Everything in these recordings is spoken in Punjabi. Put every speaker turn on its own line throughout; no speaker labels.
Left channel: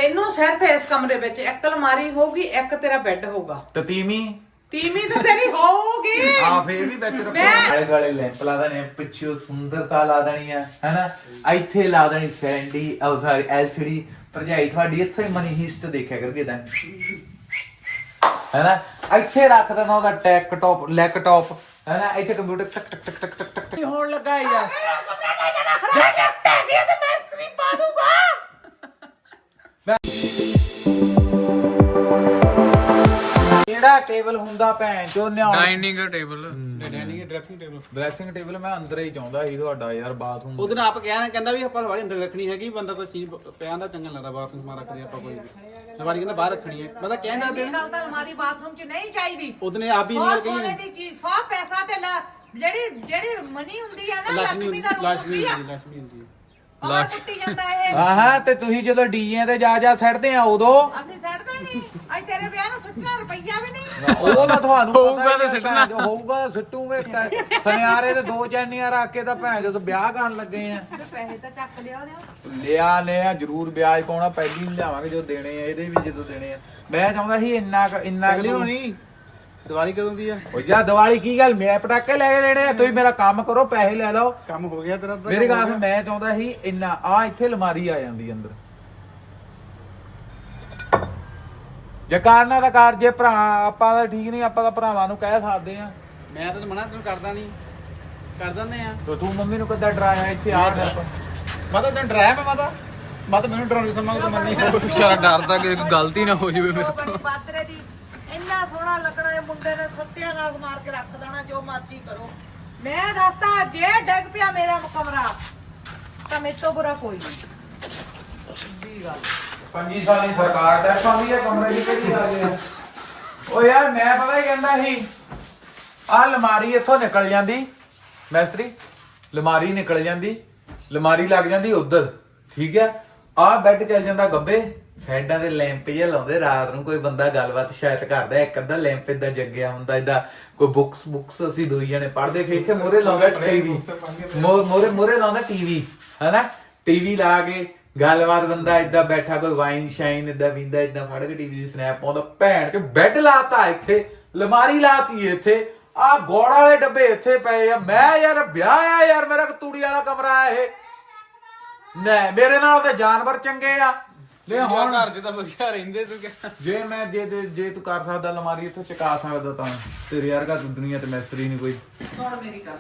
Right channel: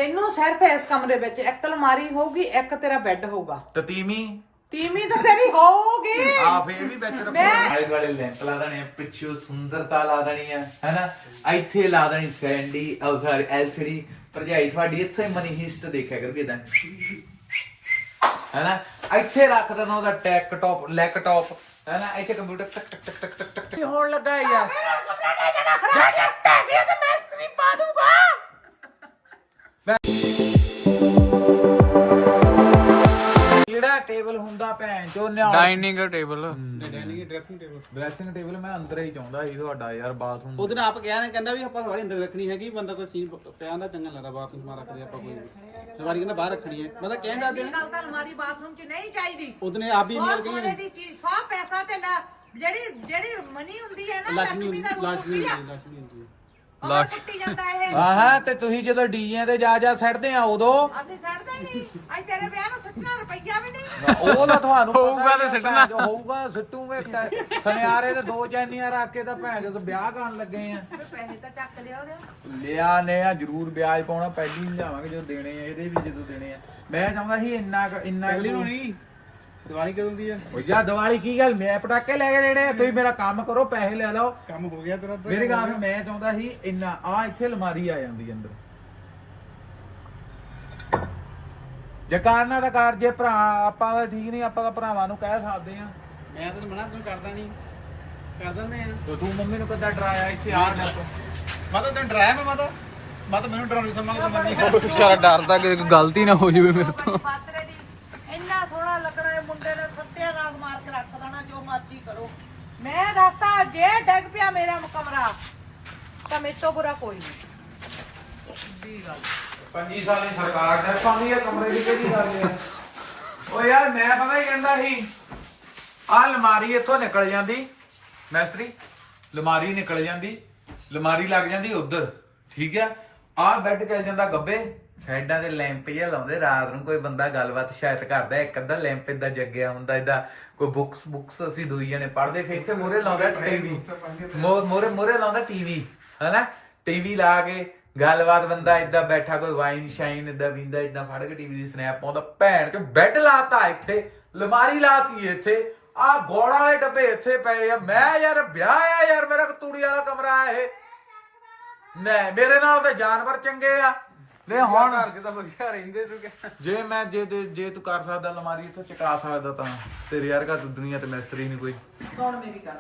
ਤੈਨੂੰ ਸਿਰਫ ਇਸ ਕਮਰੇ ਵਿੱਚ ਇੱਕ ਅਲਮਾਰੀ ਹੋਊਗੀ, ਇੱਕ ਤੇਰਾ ਬੈੱਡ ਹੋਊਗਾ।
ਤੇ ਤੀਵੀਂ
ਤਾਂ ਤੇਰੀ ਹੋਊਗੀ।
ਆ ਫੇਰ ਵੀ ਵਿੱਚ ਰੱਖੋ। ਆਲੇ ਵਾਲੇ ਲੈਂਪ ਲਾ ਦੇਣੇ ਆ, ਪਿੱਛੋਂ ਸੁੰਦਰਤਾ ਲਾ ਦੇਣੀ ਆ, ਹੈਨਾ। ਇੱਥੇ ਲਾ ਦੇਣੀ ਸੈਂਡੀ ਉਹ ਸਾਰੀ ਐਲਸੀਡੀ। ਭਰਜਾਈ ਤੁਹਾਡੀ ਇੱਥੇ ਮਨੀ ਹਿਸਟ ਦੇਖਿਆ ਕਰਕੇ ਤਾਂ, ਹੈਨਾ। ਇੱਥੇ ਰੱਖ ਦੇਣਾ ਉਹਦਾ ਟੈਕਟਾਪ ਲੈਪਟਾਪ, ਹੈਨਾ। ਇੱਥੇ ਕੰਪਿਊਟਰ ਟਕ ਟਕ ਟਕ ਟਕ ਟਕ ਟਕ ਹੋਣ ਲੱਗਾ ਯਾਰ।
ਜਾ ਚੱਟਾ ਵੀ ਤੇ ਮਿਸਤਰੀ ਪਾ ਦੂੰਗਾ।
ਕਿਹੜਾ ਟੇਬਲ ਹੁੰਦਾ ਭੈਣ ਚੋ
ਡਾਈਨਿੰਗ ਟੇਬਲ
ਡਰੈਸਿੰਗ ਟੇਬਲ ਮੈਂ ਅੰਦਰ ਹੀ ਚਾਹੁੰਦਾ ਸੀ ਤੁਹਾਡਾ ਯਾਰ ਬਾਥਰੂਮ।
ਉਹਦੇ ਨਾਲ ਆਪ ਕਿਹਾ ਨਾ, ਕਹਿੰਦਾ ਵੀ ਆਪਾਂ ਸਵਾਰੀ ਅੰਦਰ ਰੱਖਣੀ ਹੈਗੀ, ਬੰਦਾ ਕੋਈ ਚੀਜ਼ ਪਿਆ ਦਾ ਚੰਗਾ ਲੱਗਦਾ ਬਾਹਰ ਸਮਾਨ ਰੱਖਦੇ ਆਪਾਂ ਕੋਈ ਵੀ। ਸਵਾਰੀ ਕਹਿੰਦਾ ਬਾਹਰ ਰੱਖਣੀ ਹੈ, ਮੈਂ ਤਾਂ ਕਹਿੰਦਾ ਤੇ
ਗੱਲ ਤਾਂ ਅਲਮਾਰੀ ਬਾਥਰੂਮ 'ਚ ਨਹੀਂ ਚਾਹੀਦੀ।
ਉਹਨੇ ਆਪ ਹੀ ਨਹੀਂ
ਸੋਨੇ ਦੀ ਚੀਜ਼ 100 ਪੈਸਾ ਤੇ ਜਿਹੜੀ ਮਨੀ ਹੁੰਦੀ ਆ ਨਾ,
ਲక్ష్ਮੀ
ਲక్ష్ਮੀ ਦਾ ਰੂਪ ਹੁੰਦੀ ਆ।
ਲక్ష్ਮੀ ਹੁੰਦੀ ਹੈ।
ਉਹ ਕੱਟੀ ਜਾਂਦਾ ਇਹ।
ਆਹਾਂ ਤੇ ਤੁਸੀਂ ਜਦੋਂ ਡੀਜੇ ਤੇ ਜਾ ਸੱਟਦੇ ਆ ਉਦੋਂ
ਅਸੀਂ ਛੱਡਦੇ ਨਹੀਂ। ਅੱਜ ਤੇਰੇ ਵਿਆਹ ਨੂੰ ਸੁੱਟਣਾ ਰੁਪਈਆ ਵੀ ਨਹੀਂ।
ਉਹ ਤਾਂ ਤੁਹਾਨੂੰ
ਹੋਊਗਾ ਤੇ ਸਿੱਟਣਾ।
ਹੋਊਗਾ ਸਿੱਟੂਗੇ। ਸੁਨਿਆਰੇ ਤੇ 2 ਚੈਨੀਆਂ ਰੱਖ ਕੇ ਤਾਂ ਭੈਣ ਜਦੋਂ ਵਿਆਹ ਕਰਨ ਲੱਗੇ ਆ।
ਪੈਸੇ ਤਾਂ ਚੱਕ ਲਿਆ ਉਹਦੇ।
ਲਿਆ ਜ਼ਰੂਰ ਵਿਆਜ ਪਾਉਣਾ, ਪਹਿਲੀ ਹੀ ਲਿਆਵਾਂਗੇ ਜਦੋਂ ਦੇਣੇ ਆ, ਇਹਦੇ ਵੀ ਜਦੋਂ ਦੇਣੇ ਆ। ਮੈਂ ਚਾਹੁੰਦਾ ਸੀ ਇੰਨਾ
ਅਗਲੀ ਹੋਣੀ ਦੀਵਾਲੀ ਕਦੋਂ ਦੀ ਆ?
ਉਹ ਜਾ ਦੀਵਾਲੀ ਕੀ ਗੱਲ, ਮੈਂ ਪਟਾਕੇ ਲੈ ਕੇ ਦੇਣੇ ਆ। ਤੁਸੀਂ ਮੇਰਾ ਕੰਮ ਕਰੋ, ਪੈਸੇ ਲੈ ਲਓ।
ਕੰਮ ਹੋ ਗਿਆ ਤੇਰਾ ਤਾਂ।
ਮੇਰੀ ਗੱਲ ਫਿਰ ਮੈਂ ਚਾਹੁੰਦਾ ਸੀ ਇੰਨਾ ਆ ਇੱਥੇ ਅਲਮਾਰੀ ਆ ਜਾਂਦੀ ਅੰਦਰ। ਜੇ ਕਰਨਾ ਤਾਂ ਕਰ, ਜੇ ਭਰਾ ਆਪਾਂ ਤਾਂ ਠੀਕ ਨਹੀਂ, ਆਪਾਂ ਤਾਂ ਭਰਾਵਾਂ ਨੂੰ ਕਹਿ ਸਕਦੇ ਆ।
ਮੈਂ ਤਾਂ ਮਨਾ ਤੈਨੂੰ ਕਰਦਾ ਨਹੀਂ, ਕਰ ਦਿੰਦੇ ਆ।
ਤੇ ਤੂੰ ਮੰਮੀ ਨੂੰ ਕਿੱਦਾਂ ਡਰਾਇਆ ਇੱਥੇ ਆ ਲੈ
ਮੈਂ ਤਾਂ ਤੈਨੂੰ ਡਰਾਇਆ, ਮੈਂ ਤਾਂ ਮੈਨੂੰ ਡਰਾਉਣ ਦੀ ਸਮਾਂ ਮੰਨੀ।
ਵਿਚਾਰਾ ਡਰਦਾ ਕਿ ਗਲਤੀ ਨਾ ਹੋ ਜਾਵੇ ਮੇਰੇ ਤੋਂ।
ਪਾਤਰੇ ਦੀ ਇੰਨਾ ਸੋਹਣਾ ਲੱਗਣਾ, ਇਹ ਮੁੰਡੇ ਨੇ ਸੱਤਿਆ ਨਾਗ ਮਾਰ ਕੇ ਰੱਖ ਦੇਣਾ। ਜੋ ਮਰਜ਼ੀ ਕਰੋ, ਮੈਂ ਦੱਸਤਾ ਜੇ ਡਿੱਗ ਪਿਆ ਮੇਰਾ ਕਮਰਾ ਤਾਂ ਮੇਰੇ ਤੋਂ ਬੁਰਾ ਕੋਈ ਨਹੀਂ। ਸਿੱਧੀ ਗੱਲ।
25 ਸਾਲਾਂ ਦੀ ਸਰਕਾਰ ਦਾ ਸਾਲੀ ਆ ਕਮਰੇ ਦੀ ਕਿਹੜੀ ਗੱਲ ਆ। ਓ ਯਾਰ ਮੈਂ ਪਤਾ ਹੀ ਕਹਿੰਦਾ ਸੀ ਆਹ ਅਲਮਾਰੀ ਇੱਥੋਂ ਨਿਕਲ ਜਾਂਦੀ, ਮੈਸਤਰੀ ਅਲਮਾਰੀ ਨਿਕਲ ਜਾਂਦੀ, ਅਲਮਾਰੀ ਲੱਗ ਜਾਂਦੀ ਉਧਰ, ਠੀਕ ਆ। ਆਹ ਬੈੱਡ ਚੱਲ ਜਾਂਦਾ ਗੱਬੇ, ਸਾਈਡਾਂ ਦੇ ਲੈਂਪ ਜਿਹਾ ਲਾਉਂਦੇ, ਰਾਤ ਨੂੰ ਕੋਈ ਬੰਦਾ ਗੱਲਬਾਤ ਸ਼ਾਇਦ ਕਰਦਾ, ਇੱਕ ਅੱਧਾ ਲੈਂਪ ਏਦਾਂ ਜੱਗਿਆ ਹੁੰਦਾ, ਏਦਾਂ ਕੋਈ ਬੁੱਕਸ ਅਸੀਂ ਦੋਈ ਜਣੇ ਪੜ੍ਹਦੇ, ਫਿਰ ਇੱਥੇ ਮੋਰੇ ਲਾਉਂਦਾ ਟੀਵੀ, ਮੋਰੇ ਲਾਉਂਦਾ ਟੀਵੀ, ਹਨਾ। ਟੀਵੀ ਲਾ ਕੇ ਗੱਲਬਾਤ ਬੰਦਾ ਏਦਾਂ ਬੈਠਾ, ਕੋਈ ਵਾਈਨ ਸ਼ਾਈਨ ਏਦਾਂ ਪੀਂਦਾ, ਏਦਾਂ ਫੜ ਕੇ ਟੀਵੀ ਦੀ ਸਨੈਪ ਪਾਉਂਦਾ। ਭੈਣ ਚ ਬੈੱਡ ਲਾਤਾ ਇੱਥੇ, ਅਲਮਾਰੀ ਲਾਤੀ ਇੱਥੇ, ਆਹ ਗੋੜ ਵਾਲੇ ਡੱਬੇ ਇੱਥੇ ਪਏ ਆ। ਮੈਂ ਯਾਰ ਵਿਆਹ ਆ ਯਾਰ, ਮੇਰਾ ਤੂੜੀ ਵਾਲਾ ਕਮਰਾ ਆ ਇਹ। ਨਹੀਂ ਮੇਰੇ ਨਾਲ ਤਾਂ ਜਾਨਵਰ ਚੰਗੇ ਆ। ਲੈ ਹੁਣ
ਘਰ 'ਚ ਤਾਂ ਵਧੀਆ ਰਹਿੰਦੇ ਤੂੰ ਕਿਹਾ।
ਜੇ ਤੂੰ ਕਰ ਸਕਦਾ ਅਲਮਾਰੀ ਇੱਥੋਂ ਚਕਾ ਸਕਦਾ ਤਾਂ ਤੇਰੇ ਵਰਗਾ ਦੁਨੀਆ ਤੇ ਮਿਸਤਰੀ ਨਹੀਂ ਕੋਈ।
ਸੁਣ ਮੇਰੀ ਗੱਲ।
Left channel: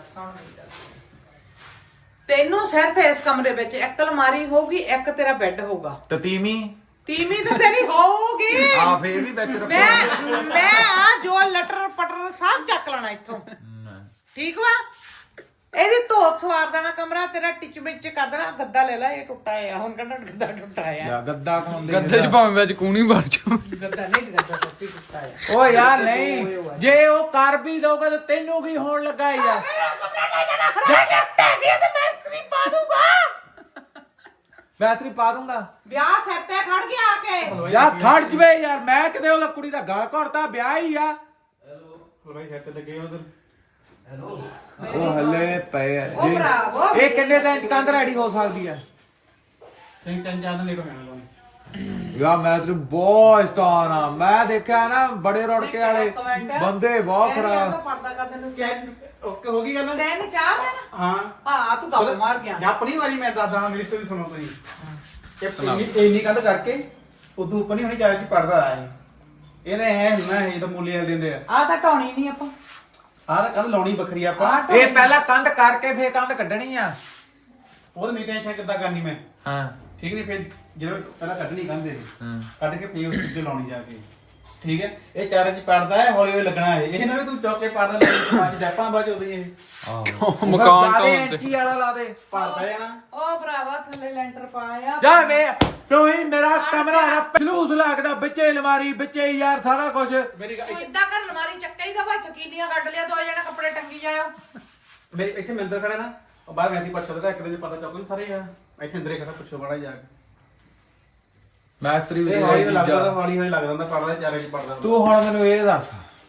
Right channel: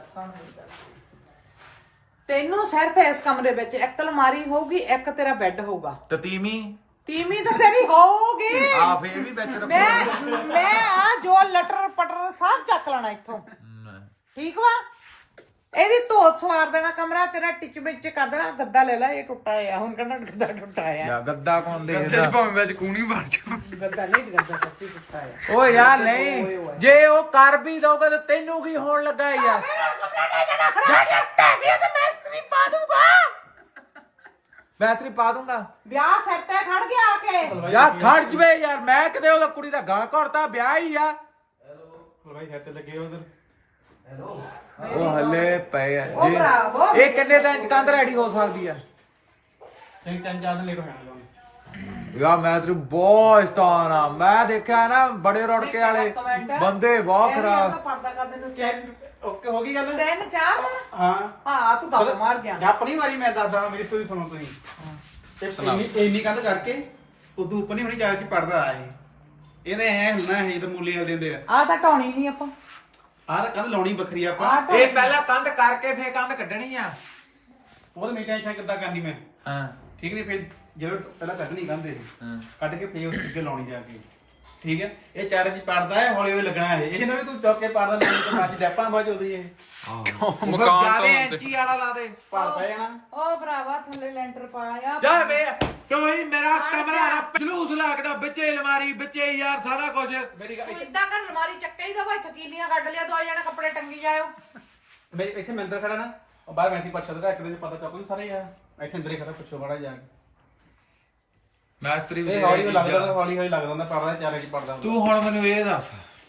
ਤੈਨੂੰ ਸਿਰਫ ਇਸ ਕਮਰੇ ਵਿੱਚ ਇੱਕ ਅਲਮਾਰੀ ਹੋਊਗੀ, ਇੱਕ ਤੇਰਾ ਬੈੱਡ ਹੋਊਗਾ।
ਤੇ ਤੀਵੀਂ
ਤਾਂ ਤੇਰੀ ਹੋਊਗੀ।
ਆ ਫੇਰ ਵੀ ਵਿੱਚ ਰੱਖੋ।
ਮੈਂ ਆ ਜੋ ਲਟਰ ਪਟਰ ਸਭ ਚੱਕ ਲੈਣਾ ਇੱਥੋਂ, ਠੀਕ ਵਾ। ਇਹਦੀ ਧੋਤ ਸਵਾਰ ਦੇਣਾ ਕਮਰਾ ਤੇਰਾ, ਟਿਚ ਵਿੱਚ ਕਰ ਦੇਣਾ। ਗੱਦਾ ਲੈ ਲੈ, ਇਹ ਟੁੱਟਾ ਆ ਹੁਣ, ਕਹਿੰਦਾ ਗੱਦਾ ਟੁੱਟਾ ਆ।
ਯਾ ਗੱਦਾ ਕੌਣ ਦੇ
ਗੱਦੇ 'ਚ ਭਾਵੇਂ ਵਿੱਚ ਕੂਣੀ ਵੜ ਜਾ।
ਗੱਦਾ ਨਹੀਂ, ਗੱਦਾ ਸੱਚੀ ਟੁੱਟਾ ਆ।
ਓ ਯਾਰ ਨਹੀਂ, ਜੇ ਉਹ ਕਰ ਵੀ ਦੋਗੇ ਤਾਂ ਤੈਨੂੰ ਕੀ ਹੋਣ ਲੱਗਾ ਯਾਰ।
ਜਾ ਚੱਟਾ ਵੀ ਤੇ ਮਿਸਤਰੀ ਪਾ ਦੂੰਗਾ।
ਮਿਸਤਰੀ ਪਾ ਦੂੰਗਾ।
ਵਿਆਹ ਸਿਰ ਤੇ ਖੜ ਗਿਆ ਆ ਕੇ।
ਯਾਰ ਖੜ ਜਵੇ ਯਾਰ, ਮੈਂ ਕਿਤੇ ਉਹਦਾ ਕੁੜੀ ਦਾ ਗਾਲ ਘੜਤਾ, ਵਿਆਹ ਹੀ ਆ।
ਭਾਈ ਹੱਥ ਲੱਗੇ ਉਧਰ।
ਉਹ ਹੱਲੇ ਪਏ ਆ ਜੀ। ਇਹ ਕਿੰਨੇ ਦਿਨ ਚ ਕੰਧ ਰੈਡੀ ਹੋ ਸਕਦੀ ਆ?
3-4 ਦਿਨ ਲੇਟ ਹੋਣਾ।
ਯਾਰ ਮੈਂ ਤੇ ਬਹੁਤ ਸਟਾਰ ਆ। ਮੈਂ ਦੇਖਿਆ ਨਾ ਬੜੇ ਰੋੜਕੇ ਵਾਲੇ ਬੰਦੇ ਬਹੁਤ ਖਰਾਬ।
ਓਕੇ ਹੋ ਗਈ ਗੱਲ।
3-4 ਦਿਨ
ਹਾਂ
ਹਾਂ, ਤੂੰ ਗੱਪ ਮਾਰ ਗਿਆ।
ਆਪਣੀ ਵਾਰੀ ਮੈਂ ਦੱਸਦਾ, ਮੇਰੀ ਸਟੋਰੀ ਸੁਣੋ ਤੁਸੀਂ। ਇੰਨੀ ਕੰਧ ਕਰਕੇ ਉਦੋਂ ਉੱਪਰ ਨਹੀਂ ਹੋਣੀ, ਚਾਰ ਚ ਪੜਦਾ ਆਏ। ਇਹਨੇ ਐ ਹੁੰਨਾ ਹੈ ਜਦੋਂ ਮੂਲੀ ਹਲ ਦਿੰਦੇ ਆ।
ਆ ਤਾਂ ਢਾਉਣੀ ਨਹੀਂ ਆਪਾਂ।
ਆਹ ਤਾਂ ਕੰਧ ਲਾਉਣੀ ਵੱਖਰੀ ਆਪਾਂ।
ਇਹ ਪਹਿਲਾਂ ਕੰਧ ਕਰਕੇ ਫੇਰ ਕੰਧ ਕੱਢਣੀ ਆ।
ਉਹਦੇ ਮੇਰੀ ਟੈਨਸ਼ਨ ਕਿੱਦਾਂ ਕਰਨੀ ਮੈਂ,
ਹਾਂ
ਠੀਕ ਨਹੀਂ। ਫਿਰ ਜਦੋਂ ਪਹਿਲਾਂ ਕੱਢਣੀ ਕੰਧ ਇਹ ਕੱਢ ਕੇ ਫੇਰ ਉਸ ਅੱਗੇ ਲਾਉਣੀ ਜਾ ਕੇ, ਠੀਕ ਹੈ। ਇਹ ਚਾਰੇ ਚ ਪੜਦਾ ਹੈ, ਹੌਲੀ ਹੌਲੀ ਲੱਗਣਾ ਹੈ। ਇਹ ਨਾ ਵੀ ਤੂੰ ਚੌਕ ਕੇ ਪੜਦਾ ਨਹੀਂ, ਬਾਅਦ ਜੱਪਾਂ ਬਾਅਦ ਉਹਦੀ ਇਹ
ਮਕਾਨ ਤੋਂ
ਇੰਚੀ ਵਾਲਾ ਲਾ ਦੇ।
ਪੜਦਾ ਹੈ ਨਾ।
ਉਹ ਭਰਾਵਾ ਥੱਲੇ ਲੈਂਟਰ ਪਾਇਆ।
ਯਾਰ ਵੇ ਤੂੰ ਹੀ ਮੇਰਾ ਕਮਰਾ ਨਾ ਜਲੂਸ ਲੱਗਦਾ, ਵਿੱਚੇ ਅਲਮਾਰੀ, ਵਿੱਚੇ ਯਾਰ ਸਾਰਾ ਕੁਝ।
ਮੇਰੀ
ਤੂੰ ਇਦਾਂ ਕਰ, ਅਲਮਾਰੀ ਚੱਕੇ ਹੀ ਦਵਾ, ਥਕੀਨੀਆਂ ਕੱਢ ਲਿਆ, 2 ਜਣੇ ਕੱਪੜੇ ਟੰਗੀ ਲਾਇਓ।
ਮੇਰੇ ਇੱਥੇ ਮੰਦਰ ਖੜਾ ਨਾ, ਉਹ ਬਾਹਰ ਵੈਂਟੀ ਪਰਸਦ ਦਾ ਇੱਕ ਦਿਨ ਚ ਪਤਾ ਚੱਲ ਸਾਰੇ ਆ। ਇੱਥੇ ਅੰਦਰੇ ਖੜਾ ਪੁੱਛੋ ਬੜਾ ਜਾ ਕੇ।
ਮੈਸਤਰੀ ਵੀ
ਇਹ ਹੌਲੀ ਲੱਗਦਾ, ਹੌਲੀ ਹੌਲੀ ਲੱਗਦਾ ਹੁੰਦਾ, ਪੜਦਾ ਚਾਰੇ ਚ ਪੜਦਾ।
ਤੂੰ ਹੁਣ ਮੈਨੂੰ ਇਹ ਦੱਸ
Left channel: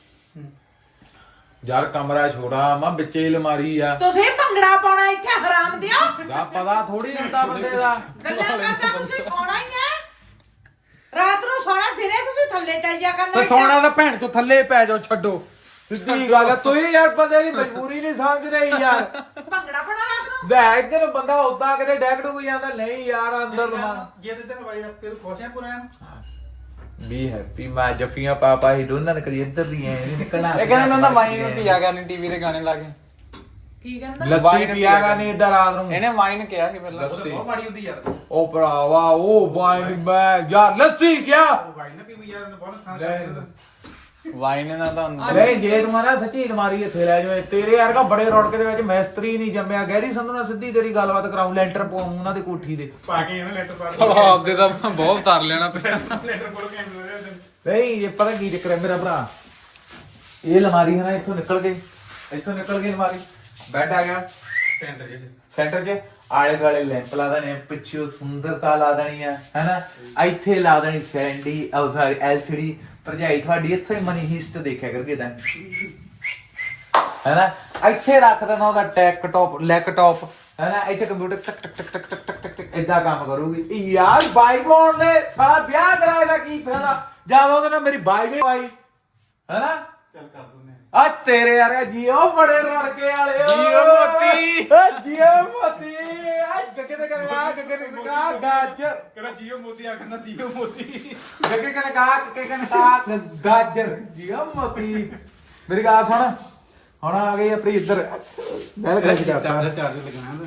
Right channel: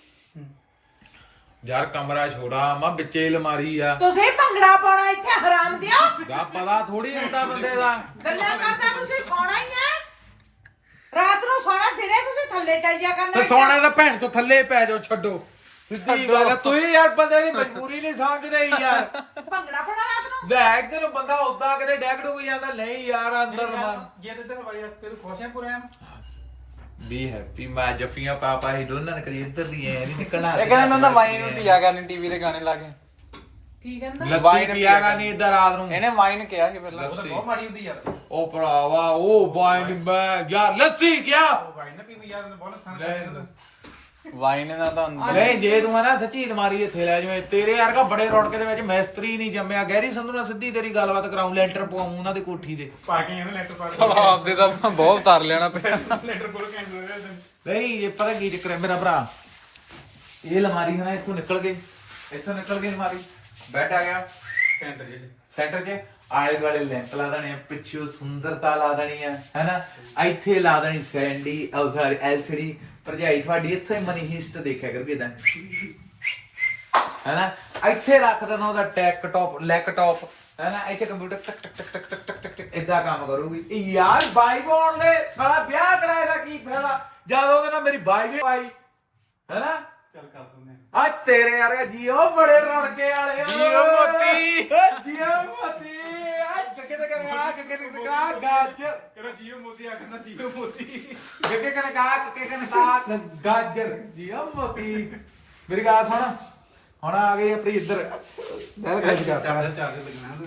ਯਾਰ, ਕਮਰਾ ਛੋੜਾ ਮਾ ਵਿੱਚੇ ਅਲਮਾਰੀ ਆ।
ਤੁਸੀਂ ਭੰਗੜਾ ਪਾਉਣਾ ਇੱਥੇ, ਹਰਾਮ ਦਿਓ।
ਗਾ ਪਤਾ ਥੋੜੀ ਹੁੰਦਾ ਬੰਦੇ ਦਾ।
ਗੱਲਾਂ ਕਰਦਾ ਤੁਸੀਂ ਸੋਣਾ ਹੀ ਆ। ਥੱਲੇ ਚੱਲ ਜਾ ਕਰ
ਤੇ ਸੋਨਾ ਤਾਂ ਭੈਣ ਤੋਂ ਥੱਲੇ ਪੈ ਜਾਓ ਛੱਡੋ ਸਿੱਧੀ ਗੱਲ ਆ। ਤੁਸੀਂ ਯਾਰ ਬੰਦੇ ਦੀ ਮਜਬੂਰੀ ਨਹੀਂ ਸਮਝਦੇ ਯਾਰ।
ਭੰਗੜਾ ਬਣਾ ਰਾਤ ਨੂੰ
ਲੈ ਇੱਧਰ ਬੰਦਾ ਉਦਾਂ ਕਿਤੇ ਡੈਗ ਡੁੱਗ ਜਾਂਦਾ ਨਹੀਂ ਯਾਰ ਅੰਦਰ ਰਮਾਨ
ਜੇ ਤੇ ਵਾਲੀ ਫਿਰ ਖੁਸ਼ ਹੈ ਪੂਰਾ
ਵੀ ਹੈਪੀ ਮੈਂ ਜੱਫੀਆਂ ਪਾਪਾ ਹੀ ਦੋਨਾਂ ਨੇ ਕਰੀ ਇੱਧਰ ਦੀ ਐ ਨਹੀਂ ਨਿਕਲਣਾ।
ਇਹ ਕਹਿੰਦੇ ਮੈਂ ਤਾਂ ਵਾਈਨ ਨੂੰ ਪੀਆ ਕਰਨੀ ਟੀਵੀ ਤੇ ਗਾਣੇ ਲਾ ਕੇ।
ਕੀ ਕਹਿੰਦਾ
ਲੱਸੀ ਪੀਆਗਾ ਨਹੀਂ ਇੱਧਰ ਰਾਤ ਨੂੰ।
ਇਹਨੇ ਵਾਈਨ ਕਿਹਾ ਸੀ ਪਹਿਲਾਂ।
ਲੱਸੀ
ਬਹੁਤ ਮਾੜੀ ਹੁੰਦੀ ਯਾਰ
ਉਹ ਭਰਾਵਾ ਉਹ ਵਾਈਨ ਮੈਂ ਯਾਰ ਲੱਸੀ ਕਿਆ
ਵਾਈ ਨਾ ਪੀਵੀ ਯਾਰ ਬਹੁਤ
ਰਹਿਣ
ਖਾਣਾ
ਦਿਓ।
ਵਾਈਨ ਇਹਨਾਂ ਦਾ ਅੰਦਰ
ਨਹੀਂ ਜੇ ਤੂੰ ਨਾ ਸੱਚੀ ਅਲਮਾਰੀ ਇੱਥੇ ਲੈ ਜਾਵੇਂ ਤੇਰੇ ਵਰਗਾ ਬੜੇ ਰੋੜਕੇ ਦੇ ਵਿੱਚ ਮਿਸਤਰੀ ਨਹੀਂ ਜੰਮਿਆ। ਗਹਿਰੀ ਸੰਧੂ ਨਾਲ ਸਿੱਧੀ ਤੇਰੀ ਗੱਲਬਾਤ ਕਰਾਉਂ ਲੈਂਟਰ ਪਾਉਂ ਉਹਨਾਂ ਦੀ ਕੋਠੀ ਦੇ।
ਪਾ ਕੇ ਇਹਨੇ ਲੈਟਰ ਪਾ
ਸਾਲਾ ਆਪਦੇ ਤਾਂ ਬਹੁਤ ਉਤਾਰ ਲੈਣਾ ਪਿਆ।
ਲੈਟਰ ਕੋਲ ਕੇ ਆਉਂਦੇ
ਨਹੀਂ ਇਹ ਪਤਾ ਕੀ ਚੱਕਰ ਹੈ ਮੇਰਾ ਭਰਾ ਇਹ ਅਲਮਾਰੀ ਹੈ ਨਾ ਇੱਥੋਂ ਨਿਕਲ ਗਈ ਅਲਮਾਰੀ ਬੈੱਡ ਆ ਗਿਆ
ਸੈਂਟਰ ਜੇ
ਸੈਂਟਰ 'ਚ ਆਲੇ ਦੁਆਲੇ ਲੈਂਪ ਲਾ ਦੇਣੇ ਪਿੱਛੋਂ ਸੁੰਦਰਤਾ ਲਾ ਦੇਣੀ ਆ ਹੈਨਾ। ਇੱਥੇ ਲਾ ਦੇਣੀ ਸੈਂਡੀ ਉਹ ਸਾਰੀ ਐਲਸੀਡੀ ਭਰਜਾਈ ਤੁਹਾਡੀ ਇੱਥੇ ਮਨੀ ਹਿਸਟ ਦੇਖਿਆ ਕਰਗੇ ਤਾਂ ਹੈਨਾ। ਇੱਥੇ ਰੱਖ ਦੇਣਾ ਉਹਦਾ ਟੈਕਟਾਪ ਲੈਪਟਾਪ ਹੈਨਾ। ਇੱਥੇ ਕੰਪਿਊਟਰ ਟਕ ਟਕ ਟਕ ਟਕ ਟਕ ਟਕ ਟਕ ਇਦਾਂ ਕੰਮ ਕਰੂਗੀ। ਇਹ ਯਾਰ ਬਾਈਬੋਨ ਨੇ ਸਾਰਾ ਵਿਆਹ ਕਰਾਇਆ ਦਾ ਕੀ ਫਾਇਦਾ ਜਦ ਉਹਦੇ ਨਾਲ ਮੇਰੀ ਬਾਈਬੇ ਆਈ ਹੈਨਾ।
ਚੱਲ ਕਰ ਦਿੰਦੇ
ਆ ਤੇਰੇ ਯਾਰ ਜੀਓ ਬੜੇ ਰੜਕੇ ਵਾਲੇ
ਜੀਓ ਮੋਤੀ।
ਜੀਓ ਮੋਤੀ ਆ ਗੱਗੇ ਤੇ ਕਰਾ ਗੱਗੇ ਤੇ ਕਰਾ ਗਾਜਰ
ਕਿਹੜਾ ਜੀਓ ਮੋਤੀ ਆਖਦਾ ਜੀਓ ਮੋਤੀ
ਗੱਗੇ ਕਨੇ ਕਾ ਗਾਜਰ ਜੀਓ ਮੋਤੀ। ਮੇਰੀ ਗੱਲ ਸੁਣ ਹੁਣ ਆ ਗਈ ਆਪਣੀ ਇੱਧਰ ਦਿਲ ਖਿੱਚ ਕਰਤਾ।
ਚਾਰਜ ਲੱਗਣਾ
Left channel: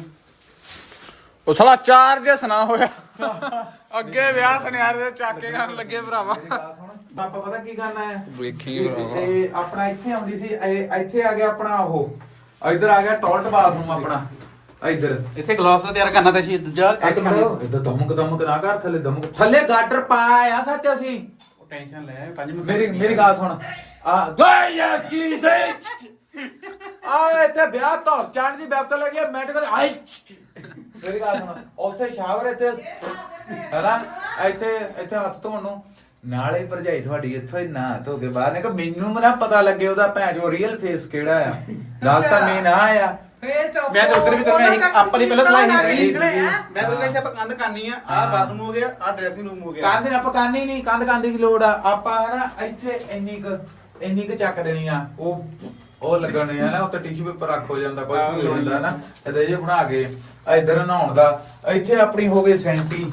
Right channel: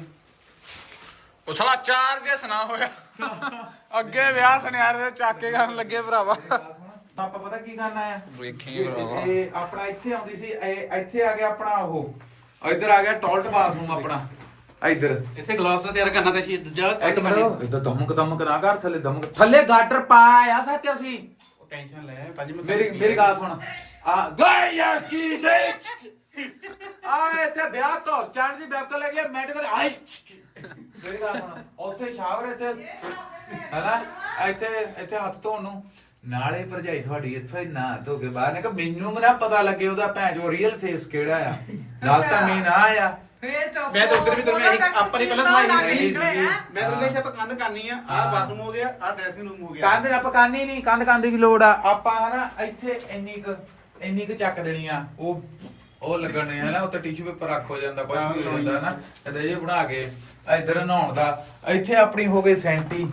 ਉਹ ਸਾਲਾ ਚਾਰਜ ਸੁਣਾ ਹੋਇਆ। ਅੱਗੇ ਵਿਆਹ ਸੁਨਿਆਰੇ ਦੇ ਚਾਕੇ ਕਰਨ ਲੱਗੇ ਭਰਾਵਾ।
ਪਾਪਾ ਪਤਾ ਕੀ ਕਰਨਾ ਹੈ
ਵੇਖੀ ਭਰਾਵਾ।
ਇਹ ਆਪਣਾ ਇੱਥੇ ਆਉਂਦੀ ਸੀ ਇੱਥੇ ਆ ਗਿਆ ਆਪਣਾ ਉਹ ਇੱਧਰ ਆ ਗਿਆ ਟਾਇਲਟ ਬਾਥਰੂਮ ਆਪਣਾ ਇੱਧਰ
ਇੱਥੇ ਗਲਾਸ ਦਾ ਤਿਆਰ ਕਰਨਾ ਤੇ ਸੀ ਦੂਜਾ ਕੱਟ ਕਰਨਾ
ਇੱਧਰ ਦਮਕ ਨਾ ਕਰ ਥੱਲੇ ਗਾਟਰ ਪਾਇਆ ਸੱਚ ਅਸੀਂ।
ਟੈਨਸ਼ਨ ਲੈ 5 ਮਿੰਟ
ਮੇਰੀ ਗੱਲ ਸੁਣ ਆ ਗਏ ਯਾਰ ਕੀ ਦੇ ਆ ਇੱਥੇ ਵਿਆਹ ਤੋਂ ਚਾਣ ਦੀ ਵੈਬ ਤੋਂ ਲੱਗੇ ਮਿੰਟ ਕਰ ਆਈ। ਮੇਰੀ ਗੱਲ ਸੁਣ ਉੱਥੇ ਸ਼ਾਵਰ ਇੱਥੇ ਹੈਨਾ ਇੱਥੇ ਹੱਥ ਧੋਣ ਨੂੰ ਨਾਲੇ ਭਰਜਾਈ ਤੁਹਾਡੀ ਇੱਥੋਂ ਹੀ ਨਾ ਧੋ ਕੇ ਬਾਹਰ ਨੇ ਕਿ ਮੈਨੂੰ ਨਾ ਪਤਾ ਲੱਗੇ ਉਹਦਾ ਭੈਣ ਜੋ ਰੀਅਲ ਫੇਸ ਕਿਹੜਾ ਆ। ਗੱਲ ਤਾਂ ਮੇਨ ਆ ਆ
ਫੇਰ ਚੁੱਪ
ਮੈਂ ਤਾਂ ਉੱਧਰ ਵੀ ਤੁਰ ਗਿਆ ਆਪਾਂ ਨੇ ਪਹਿਲਾਂ ਸਲਾਈ
ਨਹੀਂ
ਨਹੀਂ ਮੈਂ ਤਾਂ ਕਹਿੰਦਾ ਆਪਾਂ ਕੰਧ ਕਰਨੀ ਆ ਆਹ ਬਾਥਰੂਮ ਹੋ ਗਿਆ ਆਹ ਡਰੈਸਿੰਗ ਰੂਮ ਹੋ ਗਿਆ
ਕੰਧ ਨਾ ਪਕਾਨੀ ਨਹੀਂ ਕੰਧ ਦੀ ਲੋੜ ਆ। ਆਪਾਂ ਹਨਾ ਇੱਥੇ ਇੰਨੀ ਕੁ ਚੱਕ ਦੇਣੀ ਆ ਉਹ ਲੱਗਣੀ ਆ ਨਾ ਉੱਤੇ ਟਿਸ਼ੂ ਪੇਪਰ ਰੱਖ ਹੋ ਜਾਂਦਾ ਕੁਝ ਵੀ ਹੋ ਜਾਂਦਾ ਨਾ ਇਹਦੇ ਜੇ ਬਣਾ ਕੇ ਇੱਧਰ ਨਹਾਉਣ ਦਾ ਇੱਥੇ ਆਪਣੀ ਹੋ ਗਈ ਸੈਂਟੀ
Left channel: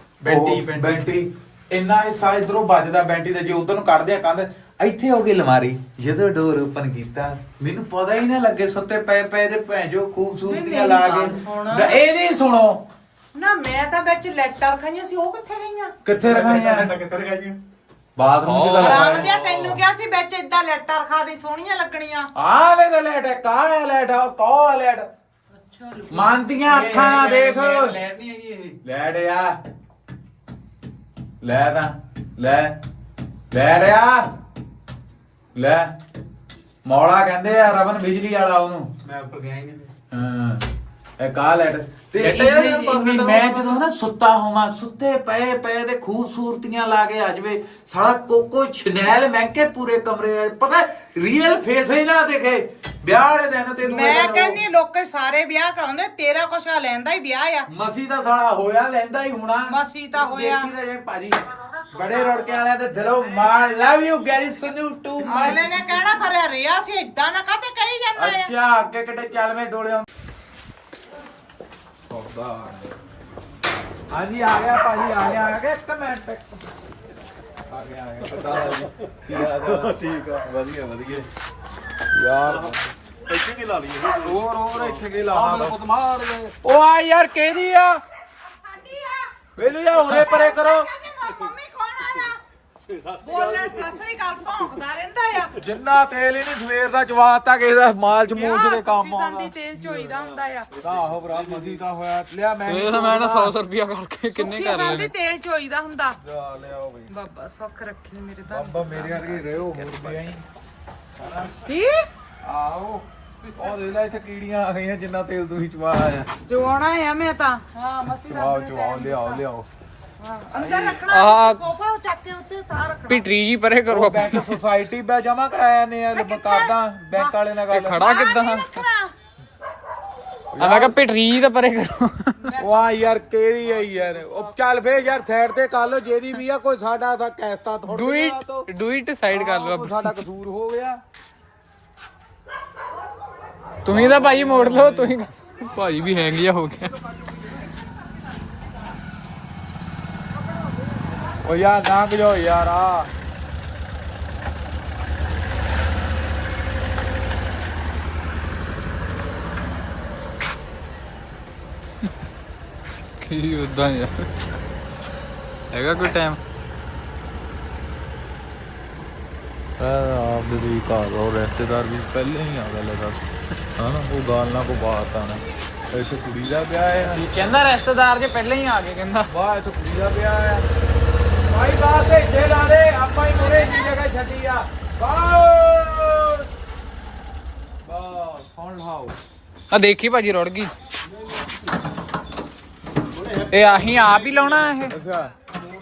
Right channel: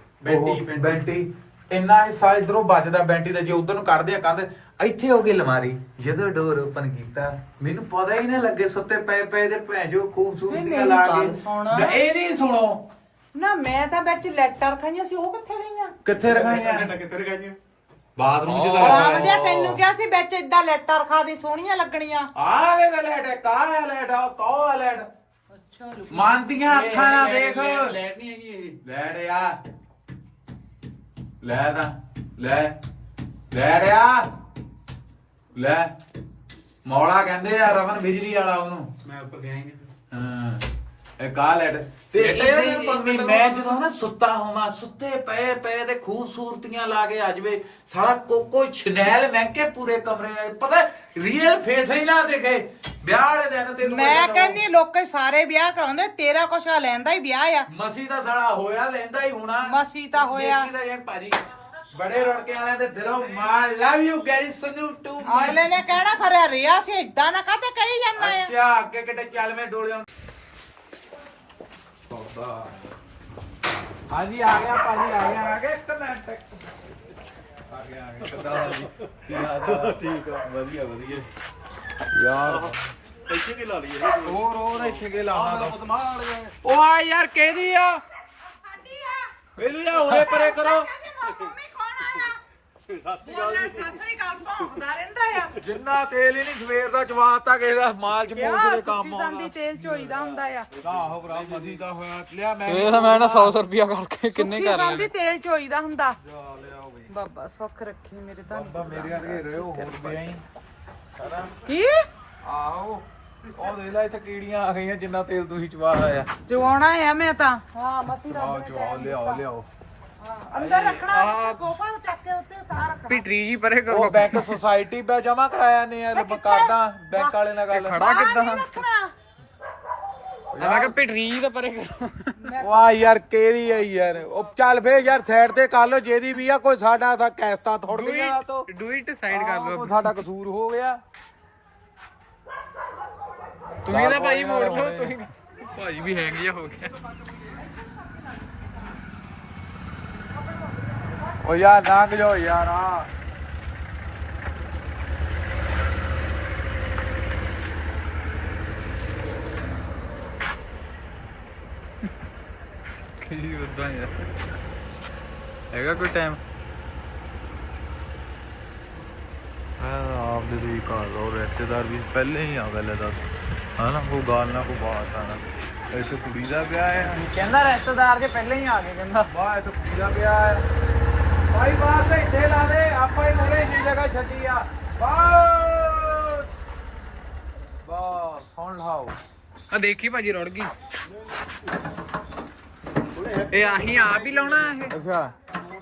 ਬੈਂਟੀ ਇੰਨਾ ਹਿੱਸਾ ਇਧਰੋਂ ਬਚਦਾ ਬੈਂਟੀ ਦਾ ਜੇ ਉਧਰ ਨੂੰ ਕੱਢਦੇ ਆ ਕੰਧ ਇੱਥੇ ਹੋ ਗਈ ਅਲਮਾਰੀ। ਜਦੋਂ ਡੋਰ ਓਪਨ ਕੀਤਾ ਮੈਨੂੰ ਪਤਾ ਹੀ ਨਾ ਲੱਗੇ ਸੁੱਤੇ ਪਏ ਦੇ ਭੈਜੋ ਖੂਬਸੂਰਤੀਆਂ ਲਾ ਕੇ ਇਹ ਨਹੀਂ ਸੁਣੋ
ਨਾ ਮੈਂ ਤਾਂ ਵਿੱਚ ਲੈਟਰ ਰਖਾਈਆਂ ਸੀ ਉਹ ਕਿੱਥੇ ਗਈਆਂ
ਕਿੱਥੇ ਰਖਾਈਆਂ
ਕਿੱਧਰ ਗਿਆ ਜੀ
ਬਾਥਰੂਮ ਚ ਤਾਂ ਲਗਾਇਆ
ਆਂਦੇ ਤੈਨੂੰ ਕਿਹਾ ਸੀ ਵਿੱਚ ਇਦਾਂ ਲੈਟਰ ਰਖਾ ਦੇ ਸੋਹਣੀਆਂ ਲੱਗਣੀਆਂ।
ਆ ਵੇ ਲੈਟ ਕਾਹ ਲੈਟ ਕੋ ਲੈਟ
ਅੱਛਾ
ਮਾਨਤੀਆਂ ਅੱਖਾਂ ਨਾਲ ਦੇਖ
ਲੈਟ ਨਹੀਂ ਹੈਗੀ ਇਹ
ਲੈਟ ਆ ਲੈ ਤਾਂ ਲੈ ਰਿਆ ਲੈ ਮੌਲਾ ਕਹਿੰਦੇ ਆ ਰਵਨ ਬਿਜਲੀ ਵਾਲਾ ਉਹਨੂੰ।
ਮੈਂ ਉੱਪਰ ਗਿਆ ਹੀ ਨਹੀਂ
ਹਾਂ ਇਹ ਕਾ ਲੈਟ ਤੇ ਇੰਨੀ ਮੈਂ ਜਦੋਂ ਨਾ ਸੁੱਤਾ ਹੋਵਾਂ ਸੁੱਤੇ ਪਏ ਤੇ ਖੂਬਸੂਰਤੀਆਂ ਲਾ ਕੇ ਆ ਜਵੇ ਸਾਰਾ ਕੋਕੋ ਛਨੈਲ ਮਹਿੰਕੇ ਪੂਰੇ ਕਮਰੇ ਪਤਾ ਰੀਅਲ ਫੇਸ ਹੀ ਨਾ ਦੇਖੇ ਵਿਆਹ ਵਾਲੇ ਦਿਨ ਤੈਨੂੰ
ਮੈਂ ਕਹਿੰਦੀ ਲੋਕੇ ਸਾਰੇ ਵਿਆਹ ਕਰਾਉਂਦੇ ਤੇਰਾ ਕੁਛ ਆ ਲੈਂਦਾ ਹੀ ਵਿਆਹ ਆ।
ਮਸੀ ਦਾ ਸਾਲਾ ਹੋਇਆ ਲੈਂਦਾ ਹੀ ਹੋਣਾ
ਮਸੀ ਤਾਂ ਹੋਇਆ।
ਦੇਖੀ ਤਾਂ ਜੇ ਭਾਜੀ ਬੜੇ ਰੋੜਕੇ ਵਾਲਿਆਂ ਦੇ ਦਿਲੋਂ ਮਾਰ ਲਵ ਯੂ ਗਾਇਸ ਸੰਧੂ ਟੂ
ਅਗਲੇ ਨੇ ਕਹਿਣਾ ਖਰਿਆ ਰਿਆ ਸੀ ਇਦਾਂ ਨਾ ਕਾਤੇ ਕਹੀ ਜਾਂਦਾ ਆ।
ਅੱਛਾ ਅੱਗੇ ਕਿਤੇ ਚੱਲ ਮੈਂ ਡੋਲਿਆ ਹਾਂਜੀ ਆ ਗਿਆ ਭਾਜੀ ਆ ਗਿਆ ਇੱਕ ਮਿੰਟ ਆ ਗਿਆ ਕਿੱਦਾਂ ਜੀ ਕੀ ਹਾਲ ਆ ਠੀਕ ਆ ਵਧੀਆ ਯਾਰ
ਇੱਥੇ ਕੀ ਲਾ ਲਈਏ
ਹੋਰ ਇੱਥੇ ਕੇ ਲਾਉਣਾ
ਉਹ ਮਾਰ ਗਏ
ਉਹ ਆ ਯਾਰ ਕਿਹਦੀ ਆ
ਸਾਡੀ ਆ
ਵੇਲੂ ਜਾ ਉਰੇ ਪਰੇ ਕਰੋ
ਮੰਮੀ ਕੌਣ ਆਇਆ ਬੋਲਣ ਸਸਰੀ ਗੱਲ ਭੌਂਕਦਾ ਰਹਿੰਦਾ ਆ।
ਜਿੰਨਾ ਤੇਲ ਹੀ ਨਹੀਂ ਸਵੇਰ ਦਾ ਚਵਾਤਾ ਕਿਸੇ ਦਾ ਮਾਲ ਮੂਲ ਦੇ ਕੰਮ ਆਉਂਦਾ
ਸੰਦੀ ਤੇਲ ਚੋਈਦਾ ਹੁੰਦਾ ਆ।
ਆਹੋ ਭਰਾ ਮਸੀ ਤਾਂ ਹੋਇਆ ਲਿਆ ਮੈਂ
ਫੇਰ ਮੈਂ ਨਾ 100 ਰੁਪਿਆ ਕਰਕੇ ਕਿੰਨੇ ਕਰ
ਸੰਦੀ
ਲੈਣੇ।
ਤੇਲ ਚੋਈਦਾ ਹੁੰਦਾ।
ਜਾ ਲਿਆਓ ਬਈ
ਬਾਬਾ ਸੁੱਖ ਰੱਖੇ ਮੇਰੇ ਤਾਂ।
ਬਾਬਾ ਮੇਰੇ ਵਰਗੇ ਰਹਿਓ ਹੋਰ ਗਿਆ ਹੀ ਸਾਰਾ
ਕੀ
ਆਹੋ ਉਹ ਦੇ ਲੈ ਇੱਥੇ ਕੀੜੀਆਂ ਆ ਗਈਆਂ ਜਿੰਨਾ ਤੇਲ ਤੁਸੀਂ ਚਵਾਇਆ ਆ
ਜਵਾਉਣਾ ਆ ਮੈਂ ਤਾਂ। ਹਾਂ ਮਸੀ
ਚਵਾਓ ਲਿਆਓ
ਅੰਦਰ ਰੱਖਣਾ ਸੋਫਾ ਚੱਕ ਕੇ ਉੱਤੇ ਤਾਂ ਰੱਖਣਾ।
ਪਿਟਰੀ ਜੀ ਪਰੇ ਕਰੋ
ਬੈਂਕ ਸੁਸਾਇਟੀ ਬੈ ਜਮਾ ਕਰਾਇਆ ਨੇ ਕਰਦਾ ਬੈਂਕ ਵਾਲੇ ਨਾਲ ਗੱਲ
ਖੜਾ ਕਿੱਦਾਂ ਮੈਂ ਕਿਹਾ ਪਿਟਰੀ ਤਾਂ ਪਰੇ ਕਰੋ।
ਵਾਹ ਯਾਰ ਕਿਹੜੀ ਹੈ ਯਾਰ, ਉਹ ਚੱਲ ਫੇਰ ਯਾਰ ਸਾਈਡ ਤੇ ਕਰ ਲੋ ਜਿਹਦੀ ਵੀ ਆ, ਕੋਈ ਸਾਡਾ ਤਾਂ ਕੈਸਤਾ ਥੋੜੀ
ਡੂ ਇਟ ਸਾਈਡ ਕਰ ਲਓ
ਸਾਡਾ ਕਸੂਰ ਹੋ ਗਿਆ।
ਤੁਸੀਂ ਤਾਂ ਭਾਜੀ ਮੋੜ ਲਓ, ਤੁਸੀਂ ਭਾਜੀ ਵੀ ਹੈਂਗ ਜਿਹਾ ਹੋ ਗਿਆ।
ਉਹ ਯਾਰ ਲੰਘ ਜਾਓ ਯਾਰ ਆ
ਕੀ ਉਦਾਂ ਯਾਰ ਹੈਗਾ ਕੋਈ ਟਾਈਮ।
ਆਪ ਦੇ ਘਰ ਉਹ ਰਿਸ਼ਤੇਦਾਰ ਵੀ ਪਹਿਲੇ ਹੀ ਆ ਗਏ ਲੈ ਦੱਸ, ਹਨਾ ਕੋਈ ਗੱਲ ਨਾ ਕੋਈ ਬਾਤ ਆ ਨਾ। ਇੱਥੇ ਕੁੜੀ ਦਾ ਵਿਆਹ ਆ,
ਕਹਿੰਦਾ ਰਿਸ਼ਤੇਦਾਰ ਜੇ ਪਹਿਲਾਂ ਹੀ ਆ ਗਏ ਕਹਿੰਦਾ।
ਵਾਹ ਇੱਥੇ ਕੁੜੀ ਦਾ ਵਿਆਹ ਆ ਭਾਈ, ਬਾਸ ਇੱਥੇ ਲਾ ਦੇ ਆਪਾਂ ਹੀ ਮੋਰੇ ਇੰਨੀ ਜਗ੍ਹਾ ਛੱਡੀ ਆ। ਬਾਸ ਬਾਸ ਹੁਣ ਲਾਓ
ਆ ਦੇਖੀ ਭਾਜੀ ਰੁੜ ਗਈ। ਇਹ ਆਹੀ ਆਪ ਹੀ ਲਾਉਣਾ ਇਹ?
ਅੱਛਾ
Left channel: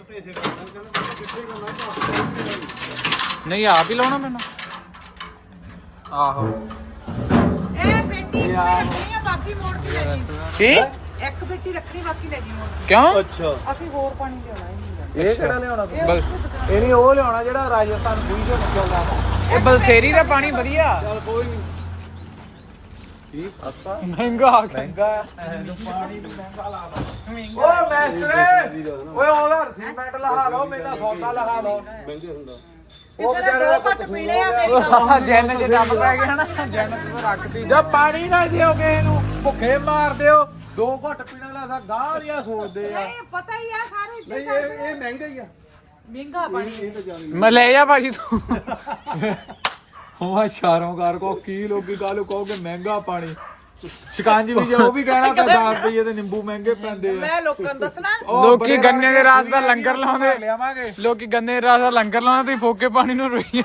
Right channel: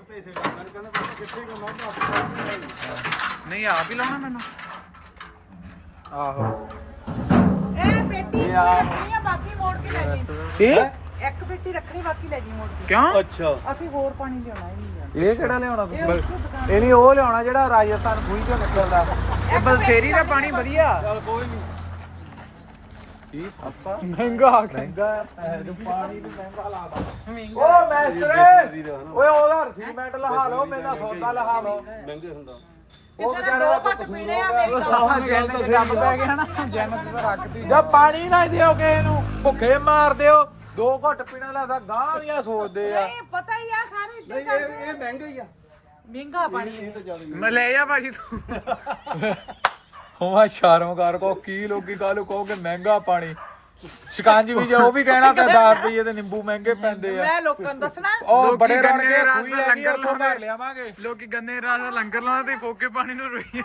ਨਹੀਂ ਆਪ ਹੀ ਲਾਉਣਾ ਮੈਨੂੰ। ਆਹੋ
ਇਹ ਪੇਟੀ ਰੱਖਣੀ ਆ, ਬਾਕੀ ਮੋੜ ਕੇ ਲੈ ਜੀ।
ਕੀ
ਇੱਕ ਪੇਟੀ ਰੱਖਣੀ, ਬਾਕੀ ਲੈ ਜੀ ਮੋੜ ਕੇ।
ਕਿਉਂ?
ਅੱਛਾ
ਅਸੀਂ ਹੋਰ ਪਾਣੀ ਲਿਆਉਣਾ ਹੀ ਨਹੀਂ।
ਇਹ ਕਿਹੜਾ ਲਿਆਉਣਾ
ਬਲ
ਇਹ ਨਹੀਂ ਉਹ ਲਿਆਉਣਾ ਜਿਹੜਾ ਰਾਜਸਥਾਨ ਵੀਡੀਓ ਚੱਲਦਾ।
ਇਹ ਬਲਸੇਰੀ ਦਾ ਪਾਣੀ ਵਧੀਆ।
ਕੋਈ ਨਹੀਂ ਕੀ
ਮਹਿੰਗਾ ਆ ਗਿਆ।
ਮਹਿੰਗਾ ਪਾਣੀ ਵੀ ਮਹਿੰਗਾ ਲੱਗਦਾ। ਓ ਮੈਸਟਰ ਓਏ ਉਹਦਾ ਸੀਮੈਂਟ ਲਹਾ ਲਓ, ਮੇਰਾ ਸੌਦਾ ਲਹਾ ਲਓ।
ਕਿਸੇ ਨੇ ਦੋ ਘੱਟ ਪੀਣੇ ਆ, ਮੇਰੀ
ਜੈਨ ਚ ਡੱਬ ਪੈ ਗਿਆ ਨਾ, ਜੈਨ ਚ ਤਾਂ ਰੱਖਤੀ।
ਜਾਂ ਪਾਣੀ ਨਾ ਦਿਓ ਕਿਸੇ ਨੂੰ, ਭੁੱਖੇ ਮਾਰ ਦਿਓ। 2 ਘੁੱਟ ਪੀਣਾ ਲੱਗਦਾ ਗਾਹ ਦੀਆਂ ਸੋਚਦੇ ਆ।
ਨਹੀਂ ਪਤਾ ਹੀ ਆ ਸਾਰੇ ਇੱਥੇ
ਨਹੀਂ ਇਹ ਮਹਿੰਗਾ ਹੀ ਆ,
ਮਹਿੰਗਾ ਪਾਣੀ।
ਇਹ ਤਾਂ ਜ਼ਿਆਦਾ
ਮੈਂ ਲੈ ਜਾ ਭਾਜੀ ਤੂੰ।
ਹੋਵਾ ਸ਼ਰਮ ਕਰ ਕੋ ਕੀ ਲੋਕੀ ਕਾਹਨੂੰ ਕਹੋਗੇ ਮਹਿੰਗਾ ਪਾਣੀ। ਸ਼ਿਕੰਜ ਵੀ ਜੇ ਉਹ ਵੀ ਕਹਿਣਾ ਤਾਂ 10 ਰੁਪਏ ਤੇ ਨਿੰਬੂ ਮਹਿੰਗੇ ਪੈਂਦੇ ਆ।
ਮੈਂ ਲੋਕਾਂ ਨੂੰ ਦੱਸਣਾ
ਉਹ
ਲੋਕੀ
ਬੜੇ
ਗੰਨੇ ਦੇ ਰਸ ਦਾ
ਰਲ
ਲੰਗਰ
ਕੇ
ਲਾਉਂਦੇ।
ਲਿਆਵਾਂਗੇ।
ਲੋਕੀ ਗੰਨੇ ਦੇ ਰਸ ਦਾ ਲੰਗਰ ਲਾਉਂਦੇ, ਤੁਸੀਂ ਫੋਕੇ ਪਾਣੀ ਨੂੰ ਰੋਈ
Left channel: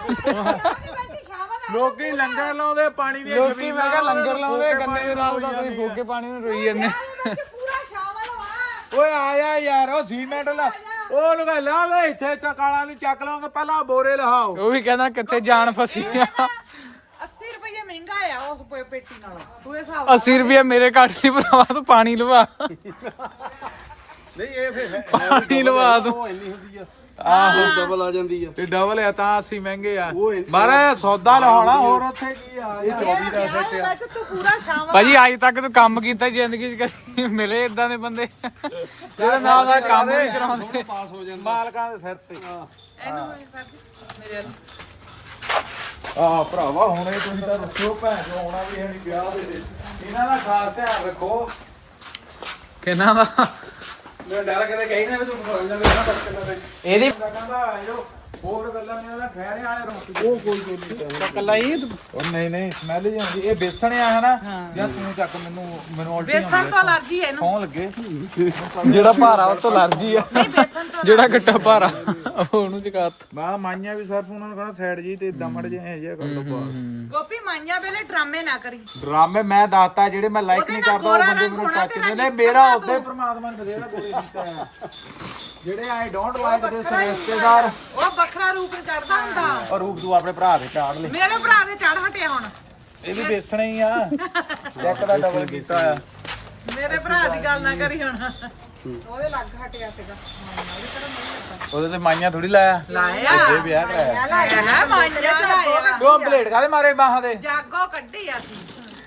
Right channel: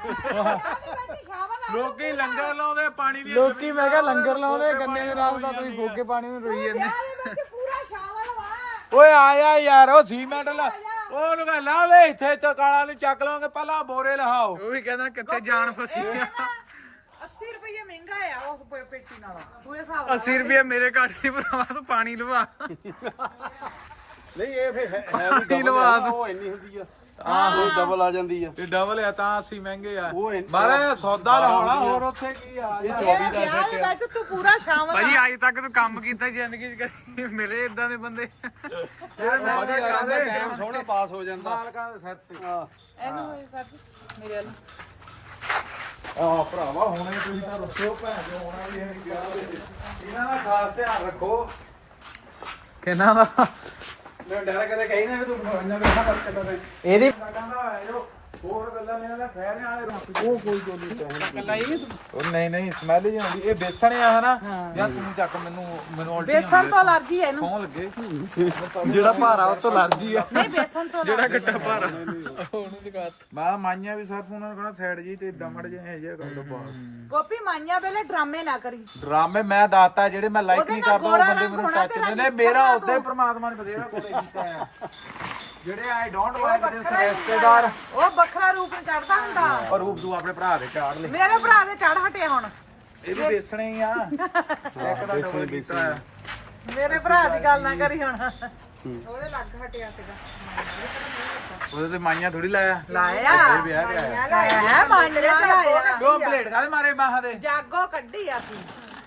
ਲੋਕੀ ਲੰਗਰ ਲਾਉਂਦੇ ਪਾਣੀ ਦੀ।
ਲੋਕੀ ਮੈਂ ਕਿਹਾ ਲੰਗਰ ਲਾਉਂਦੇ ਗੰਨੇ ਦੇ ਰਸ ਦਾ, ਤੁਸੀਂ ਫੋਕੇ ਪਾਣੀ ਨੂੰ ਰੋਈ ਜਾਂਦੇ।
ਪੂਰਾ ਸ਼ਾਮਲ ਵਾ।
ਓਏ ਆਇਆ ਯਾਰ ਉਹ ਸੀਮੈਂਟ ਲਾ, ਉਹ ਲਗਾ ਲਾ ਲੈ ਇੱਥੇ ਤਾਂ ਕਾਲਾ ਨੂੰ ਚੱਕ ਲਾਂਗੇ, ਪਹਿਲਾਂ ਬੋਰੇ ਲਹਾਓ।
ਉਹ ਵੀ ਕਹਿੰਦਾ ਕਿੱਥੇ ਜਾਨ ਫਸੀ ਆ।
80 ਰੁਪਏ ਮਹਿੰਗਾ ਆ ਉਸ ਪੇਟੀ ਨਾਲ। ਤੂੰ ਇਹ ਹਿਸਾਬ
80 ਰੁਪਏ ਮੇਰੇ ਕੱਟ ਲਈ ਭਰਾਵਾ, ਤੂੰ ਪਾਣੀ ਲਵਾ।
ਨਹੀਂ ਇਹ ਫਿਰ
ਪਾਣੀ ਲਵਾ ਤੂੰ।
ਉਹ ਇੰਨੀ ਹੁੰਦੀ ਆ, ਆਹੋ ਡਬਲ ਆ ਜਾਂਦੀ ਆ।
ਤੇ ਡਬਲ ਆ ਤਾਂ 80 ਮਹਿੰਗੇ ਆ।
ਉਹ ਇੰਨੀ-
ਮਾਰਾ ਸੌਦਾ ਲਹਾਉਣਾ, ਹੋਰ ਉੱਥੇ ਕੀ ਆ।
ਇਹ 24 ਦਾ ਸੈੱਟ ਆ।
ਤੂੰ ਪੂਰਾ ਸ਼ਾਮਲ।
ਭਾਜੀ ਅੱਜ ਤੱਕ ਤੂੰ ਕੰਮ ਕੀਤਾ ਜ਼ਿੰਦਗੀ 'ਚ, ਕਦੇ ਮਿਲੇ ਇਦਾਂ ਦੇ ਬੰਦੇ ਜਿਹੜੇ ਨਾਲ ਨਾਲ ਕੰਮ ਨਹੀਂ ਕਰਾਉਂਦੇ।
ਪਾਸ ਹੋ ਜਾਂਦਾ
ਮਾਲਕਾਂ ਦੇ ਸਿਰ ਤੇ।
ਇਹਨੂੰ ਸਰ ਮੇਰੇ ਵੱਲ।
ਆਹ ਭਰਾਵਾ ਹੁਣੇ ਤੁਸੀਂ ਤਾਂ ਰੁੱਸਿਓ ਭੈਣ ਚੋ, ਹੋਣਾ ਵੀ ਹੈ ਨੀ ਵਿਆਹ ਦੇ। ਇਹਨਾਂ ਦਾ ਖਾਸ ਧਿਆਨ ਰੱਖੋ।
ਕਿਹਨਾਂ ਦਾ?
ਮੇਰੇ ਡਰ ਕਦੇ ਕਹੀ ਨਾ ਤੂੰ ਫੜ ਜਾਵੇਂ
ਇਹਦੀ
ਕਹਿੰਦਾ ਇਹੋ ਹੋਰ ਗੱਲਾਂ ਨੇ ਉਹਦਾ ਖੈਰੇ ਵਾਲੇ ਰੋਟੀ
ਕੱਲਾ ਹੀ
ਉਹ ਨਹੀਂ ਸਮੈਲ ਹੀ ਆਉਂਦੀ। ਇਹ ਬੇਸਣ ਆ ਹਨਾ, ਜਾਂ ਤੂੰ ਚੱਕ ਮੈਨੂੰ ਉਲਟੀ
ਬੇਸਣ ਤੋਂ ਅਲਰਜੀ ਹੈ ਇਹਨੂੰ।
ਸੌਂ ਲੱਗੇ।
ਜਿਹੜਾ ਭਾਰਾ ਉਹ ਤੋਂ ਅਲਰਜੀ ਆ।
ਨਹੀਂ ਬੇਸਣ ਤੋਂ
ਜਿਹੜਾ ਗੱਟਾ ਭਾਰਾ ਉਹਨੂੰ ਚਕਾਤ।
ਮੈਂ ਮਾਈਆਂ ਵੀ ਸਿਰਫ ਉਹਨਾਂ ਨੂੰ ਕਹਣਾ ਸਾਈਡ ਜੀ ਤੇ ਇਦਾਂ ਮੜ ਜੇ ਜਿਹਾ ਕਰ ਦੋ ਬਾਸ।
ਗੋਪੀ ਮਾਈਆਂ ਵੇਲੇ ਡਰਾਮੇ ਨਾ ਕਰੀ।
ਡਰਾਮੇ ਮੈਂ ਦੱਸਤਾ ਜਿਹੜੇ ਮੈਂ ਲਾਈਕ
ਉਹਦੇ
ਨਹੀਂ
ਨਾਲ
ਕਰਦਾ, ਉਹ
ਗੋਰਾ
ਬੰਦੇ
ਰੰਗ
ਮੈਨੂੰ
ਹੋਣਾ
ਟੱਚ
ਤੇਰਾ
ਨੇ।
ਨੀ
ਮੇਰਾ
ਪਤਾ
ਉੱਤੇ
ਤੂੰ।
ਪ੍ਰਮਾਤਮਾ ਨੇ ਬਥੇਰਾ ਕੋਲੇ ਕੀਤਾ ਆ। ਜਿਹੜੇ ਆਈ ਡੋਂਟ ਲਾਈਕ ਦਿਸ ਰਿਸ਼ਤੇਦਾਰ
ਉਹ ਵੱਖਰਾ ਰੂਪ ਨੂੰ ਚੜਦਾ ਹੁੰਦਾ।
ਔਰ ਰੂਪ ਤੂੰ ਆਪਣੇ ਭਰਾ ਦੇ ਚਾੜ ਲੈ।
ਮੇਰੇ ਭਰਾ ਦੇ ਚੜ ਹਟਿਆ ਹੁਣ।
ਇਹ ਵੀ ਵੇਸਣੇ ਹੀ ਆ, ਇੱਕ ਦਾ ਡਬਲ ਕੀਤਾ ਆ।
ਮੇਰੇ ਭਰਾ ਦੀ ਗੱਲ ਨਾ ਕਰੀ ਹੁਣ। ਉਹਦੇ ਲੱਗ ਹਟਿਆ ਸੀਗਾ।
ਉਹਦੇ ਤੇ ਮਾਈਆਂ ਥੋੜੀ ਲਾਇਆ,
ਲਾਇਆ
ਇਹ ਵਿਆਹ ਕਰਾਇਆ।
ਲਾਇਆ ਮਾਈਆਂ
ਦੋ ਪਲੇਟ ਕਾਦੇ ਮਾਰੇ ਬਾਹਾਂ ਦੇ।
ਜਾਗੋ ਕੱਢੀ ਆ ਸੀ।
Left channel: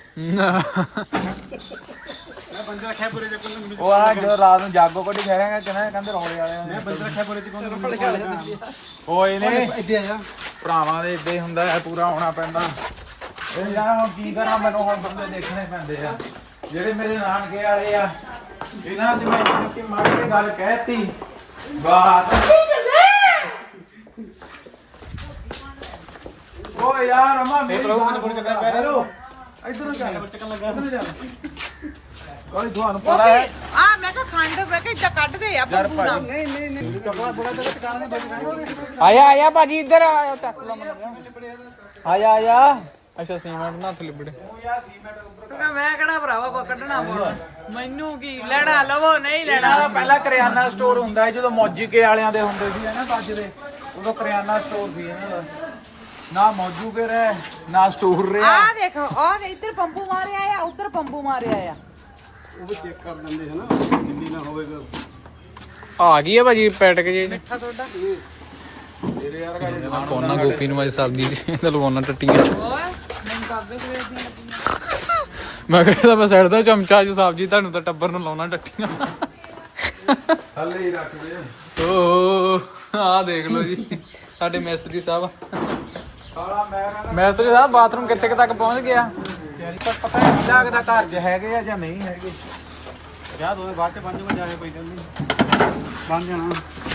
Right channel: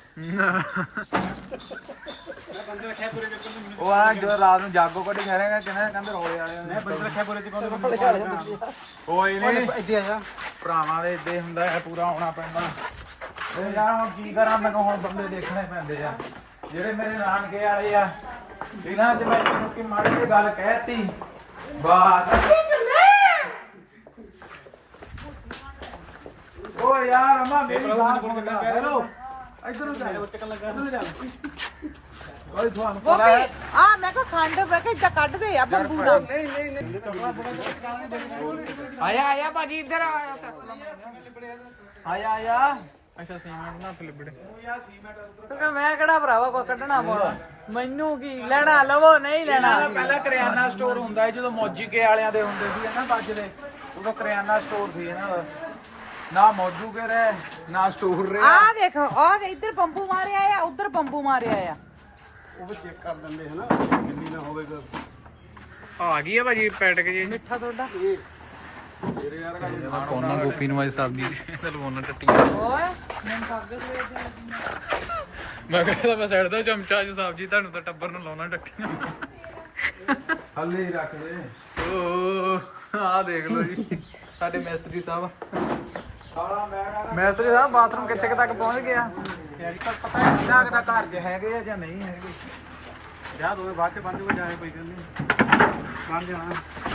ਉਹ ਆ ਜੋ ਰਾਤ ਨੂੰ ਜਾਗੋ ਕੱਢ ਕੇ ਰਹਿਗਾ ਕਹਿੰਦੇ ਰੋਲੇ ਵਾਲੇ ਨੇ।
ਬੰਦ ਰੱਖਿਆ ਬੋਲੇ ਚ ਕੋਣ ਲੱਗਾ
ਓਏ ਨਹੀਂ
ਇੱਥੇ ਆਇਆ
ਭਰਾਵਾਂ ਦੇ ਇੱਦਾਂ ਹੀ ਹੁੰਦਾ ਹੈ, ਪੂਰਾ ਹੋਣਾ ਪੈਂਦਾ। ਉਹ ਯਾਰ ਹੁਣ ਕੀ ਕਰਾਂ, ਮੈਨੂੰ ਹੁਣ ਬੰਦੇ ਦੇਖਣੇ ਪੈਂਦੇ ਆ ਜਿਹੜੇ ਮੇਰੇ ਨਾਨਕੇ ਵਾਲੇ ਆ। ਇਹਨਾਂ ਚ ਮੈਂ ਕਿ ਮਾੜੀ ਜਿਹੀ ਗੱਲ ਕਹਿਤੀ ਬਾਤ। ਓ ਯਾਰ ਅਮਾ ਮੇਰੀ ਗੱਲ ਸੁਣ। ਹੈਲੋ ਇਧਰੋਂ ਚੱਲ,
ਚੱਕਣ ਲੱਗਾ
ਇਧਰੋਂ ਚੱਲ। ਕੋਈ ਤੁਹਾਨੂੰ ਪਤਾ ਹੈ
ਆ ਮੈਂ ਕਿਹਾ ਖੰਡ ਮੈਂ ਕਿਹਾ ਇੱਦਾਂ ਕੱਢਦੇ ਆ ਫਿਰ ਪੂਰਾ।
ਨਹੀਂ ਨਹੀਂ ਨਹੀਂ
ਆਇਆ ਭਾਜੀ ਇੱਧਰ ਆ, ਚੱਕ ਲਾ ਮੈਨੂੰ। ਆਇਆ ਅੱਛਾ ਸੀਮੈਂਟ ਨਾ ਹੱਥ ਲਿਬੜੇ।
ਤੂੰ ਕਹ ਮੈਂ ਕਿਹੜਾ ਭਰਾਵਾ ਕੋ ਕੱਢਣਾ ਬੋਲ। ਮੈਨੂੰ ਕੀ ਲੈਣਾ ਲਵੋ ਨਹੀਂ ਲੈਣਾ।
ਪਹਿਲਾਂ ਕਰਿਆਨਾ ਸਟੋਰ ਹੁੰਦਾ ਸੀ, ਜਦੋਂ ਮੌਜੀਕੇ ਵਾਲਿਆਂ ਦੇ ਹੁੰਦੇ ਸੀ ਨਾ ਬੱਜ ਦੇ, ਉਦੋਂ ਕਰਿਆਨਾ ਸਟੋਰ ਸੀ ਇਹਨਾਂ ਦਾ। ਨਾ ਮੌਜੂ ਕੇ ਰਹੇ ਨਾ ਸਟੋਰ ਰਿਹਾ
ਆ ਦੇਖੋ ਆ ਇੱਧਰ ਬੰਬੂ ਮਾਰਿਆ ਆ ਉੱਧਰ ਬੰਬੂ ਮਾਰਿਆ ਆ
ਉਹ ਵੀ ਚੈੱਕ ਕਰ ਦਿੰਦੇ ਹਨਾ ਗਿੱਲੀ ਨਾ ਹੋਵੇਗਾ
ਆ ਗਈ ਆ ਭਾਜੀ ਪੈਟਕ ਜੇ
ਤੇਰੇ ਯਾਰ ਕਾ
ਕੋਨਾ ਗੋਪੀ ਨੂੰ ਅੱਜ ਸਬਜ਼ੀ ਚ ਤੇ ਲਵਾਉਣਾ ਟੱਟੀ
ਓਏ ਮੈਨੂੰ ਕਾਗਜ਼ ਵੇਚਣ ਲੱਗੀ
ਮੈਂ ਕਹਿੰਦਾ ਮੈਂ ਸਾਈਡ ਦਾ ਚਮਚਾ ਚ ਸਬਜ਼ੀ ਤੁਹਾਨੂੰ ਤਾਂ ਟੱਬਰ ਨੂੰ ਲਾਉਣਾ ਟੱਟੀਆਂ
ਹੱਲੇ ਹੀ ਰੱਖ ਦੇ
ਓ ਆ ਦੇਖ ਲਓ ਜੀ ਸਾਡੇ ਮੈਸਤਰੀ ਸਾਹਿਬ
ਸਾਲਾ ਮੈਂ ਕਹਿੰਦਾ
ਮੈਸਤਰੀ ਸਾਹਿਬ ਬਾਥਰੂਮ ਕਿੱਥੇ ਕੁ ਤੱਕ ਪਹੁੰਚ ਗਿਆ
ਪਤਾ ਨਹੀਂ ਲੱਗਦਾ ਘਰ 'ਚ ਹੈਗੇ ਆ ਜਾਂ ਨਹੀਂ ਹੈਗੇ
ਜਾ ਦੋਵੇਂ ਬਾਅਦ ਚ ਬਣ ਜਾਊਗਾ ਜਾਏ ਕੋਈ ਗੱਲ ਨਹੀਂ ਬਣ ਜਾਣਾ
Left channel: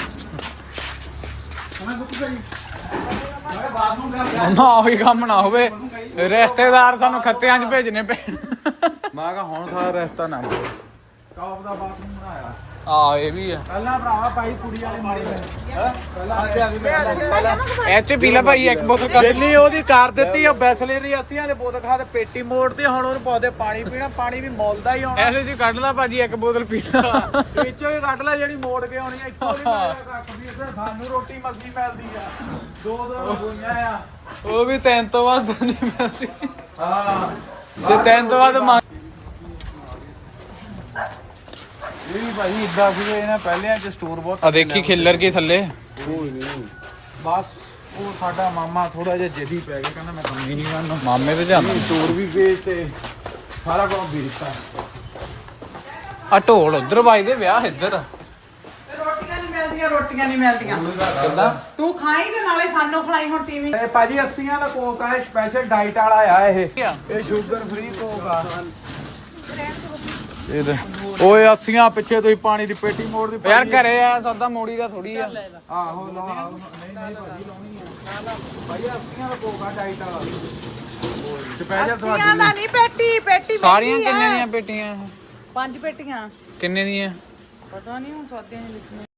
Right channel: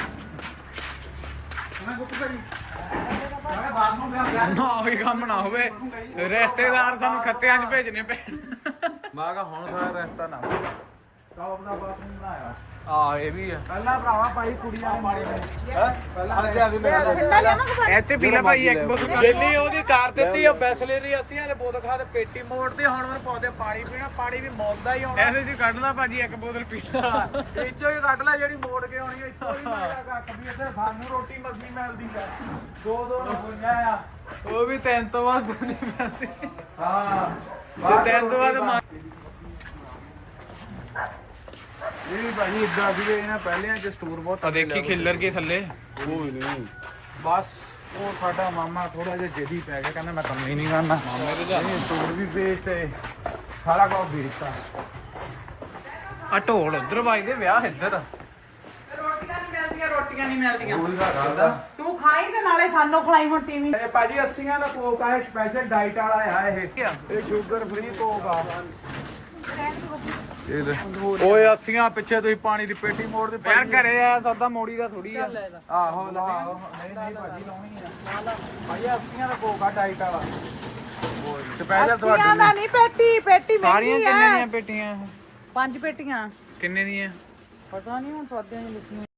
ਉਹਨੇ ਗੁੱਪ ਗਈ ਮੈਂ ਬਾਥਰੂਮ ਦਾ
ਨਾ ਉਹੀ ਕੰਮ ਨਾ ਹੋਵੇ ਰਿਸ਼ਤੇਦਾਰ ਸਾਨੂੰ ਖੱਤਿਆਂ 'ਚ ਭੇਜਣੇ ਪੈਣ
ਮੈਂ ਕਹਾ ਹੁਣ ਸਾਰਾ ਰਸਤਾ ਨਾ ਟੌਪ ਦਾ ਬਾਥਰੂਮ ਬਣਾਇਆ
ਆ ਇਹ ਵੀ ਆ
ਪਹਿਲਾਂ ਭਰਾਵਾ ਭਾਈ ਕੁੜੀ ਵਾਲੇ ਮਾਰੇ ਨੇ ਪਹਿਲਾਂ
ਇਹ ਚ ਪੀਲਾ ਭਾਈ ਇੱਕ ਬੋਤਲ ਕਰ
ਦਿੱਲੀ ਉਹਦੀ ਕਰ ਦਿੱਤੀ ਉਹ ਬੈਸਲੇ ਦੀ ਅੱਸੀਆਂ ਦੇ ਬੋਤਲ ਖਾ ਤੇ ਪੇਟੀ ਮੋੜਦੀ ਹੁਣ ਉਹਨੂੰ ਪਾਉਂਦੇ ਪਾਣੀ ਪੀਣਾ ਪਾਣੀ ਵੀ ਮੁੱਲਦਾ ਹੀ ਆਉਣਾ
ਇਹਦੇ ਚ ਕੱਢ ਲਾ ਭਾਜੀ ਇੱਕ ਬੋਤਲ ਪੀਲਾ
ਵਿੱਚੋਂ ਹੀ ਕੱਢ ਲੈ ਜਿਹੜੀ ਮੋੜ ਕੇ ਆਉਣੀ ਆ ਇੱਥੋਂ ਵੀ ਰੱਖ ਵੀ ਇੱਥੇ ਸਾਨੂੰ ਰੋਟੀ ਮਸਲੀ ਮਿਲਦੀ ਆ ਦੋ ਰੋਈਆਂ ਆ
ਉਹ ਵੀ 3 ਤੋਂ ਵੱਧ ਨਹੀਂ ਮਿਲਦੀ
ਹਾਂ
ਤੇ 3 ਤੋਂ ਵੱਧ ਮੰਗ
ਇਹ ਵੀ ਭਾਈ ਇਦਾਂ ਸੀਗੇ ਇਹਨਾਂ ਪਹਿਲਿਆਂ ਚ ਸਟੋਰ ਬਹੁਤ
ਆ ਦੇਖੀ ਖਿੱਲਰ ਕੇ ਥੱਲੇ
ਬਸ ਉਹ ਸਾਡਾ ਮਾਮਾ ਥੋੜਾ ਜਿਹਾ ਜਦੀ ਪੈ ਗਿਆ ਕਹਿੰਦਾ ਮੈਂ ਕੰਮ ਹੀ ਨਹੀਂ ਕਰਨਾ
ਮਾਮੇ ਤੇ ਜਾਣਾ
ਸਟੋਰ ਵੀ ਵੇਚ ਤੇ ਸਾਰਾ ਕੁਝ ਵੇਚਤਾ
ਆ ਢੋਲ ਉਧਰ ਵੱਜਦੇ ਵਿਆਹ ਇੱਧਰ
ਰੋਟੀਆਂ ਨਹੀਂ ਮਿਲਦੀਆਂ ਤੂੰ ਖਾਈ ਤੇ ਨਾਲੇ ਸਾਨੂੰ ਖਲਾਈ ਹੁਣ ਟੀਵੀ
ਇਹ ਭਾਜੀ 80 ਦਾ ਕੋਕ ਆ ਸਪੈਸ਼ਲ ਡਾਈਟ ਵਾਲਾ ਆ ਇਹ ਸ਼ੂਗਰ ਫ੍ਰੀ ਕੋਕ ਆ ਓਏ 80 ਪਿੱਛੇ ਤੁਸੀਂ ਪਾਣੀ ਦੀ ਪੇਟੀ ਮੋੜ ਦੀ
ਯਾਰ ਘਰੇ ਆ ਸੌਦਾ ਮੋੜੀ ਦਾ ਥੋੜੀ ਆ
ਆਹੋ ਲਾਓ ਨਹੀਂ ਭਾਜੀ ਲਾਉਣੀ ਆ ਭਾਈ 80 ਦਾ ਕੋਕ ਆ ਡਾਈਟ ਵਾਲਾ ਸਪੈਸ਼ਲ ਤੁਹਾਡੇ
ਦਾ
ਲਈ
ਨਹੀਂ ਪੇਟੀ
ਸਾਰੀਆਂ ਕਿੰਨੇ ਦੀਆਂ ਪੇਟੀਆਂ ਇਹ?
5 ਪੇਟੀਆਂ
ਕਿੰਨੇ ਦੀਆਂ
ਪਤਾ ਨਹੀਂ ਹੁਣ ਸੌਦਿਆਂ 'ਚ ਲਿਖੀਆਂ